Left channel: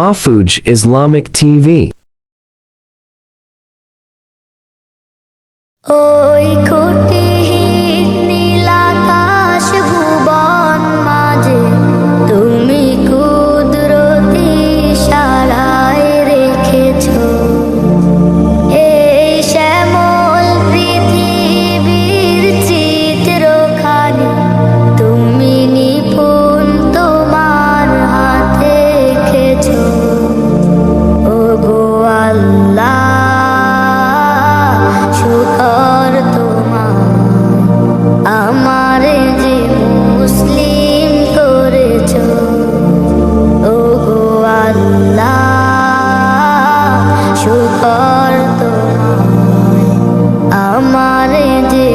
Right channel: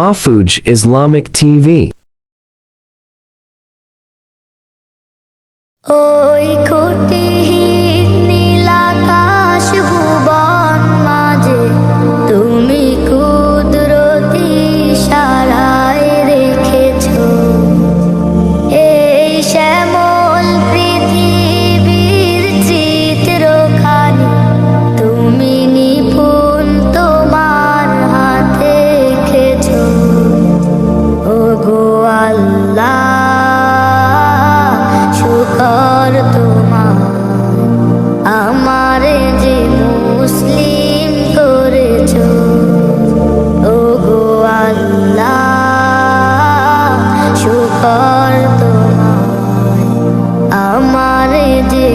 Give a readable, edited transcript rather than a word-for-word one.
Afuj Islamic TV. ওই খুঁটিহীন নীলাকাশ ভুবন মাঝে তুমি কুদরতি ইশারায় রেখেছো এই শ্যামল পৃথিবীর চিত্রখানি তুমি নিপুণ তোমার হাতে এঁকেছো। ওগো আল্লাহ, শুকর তোমার আমারে যে মুসলিম করেছো। ওগো আল্লাহ, শুকর তোমার আমারে যে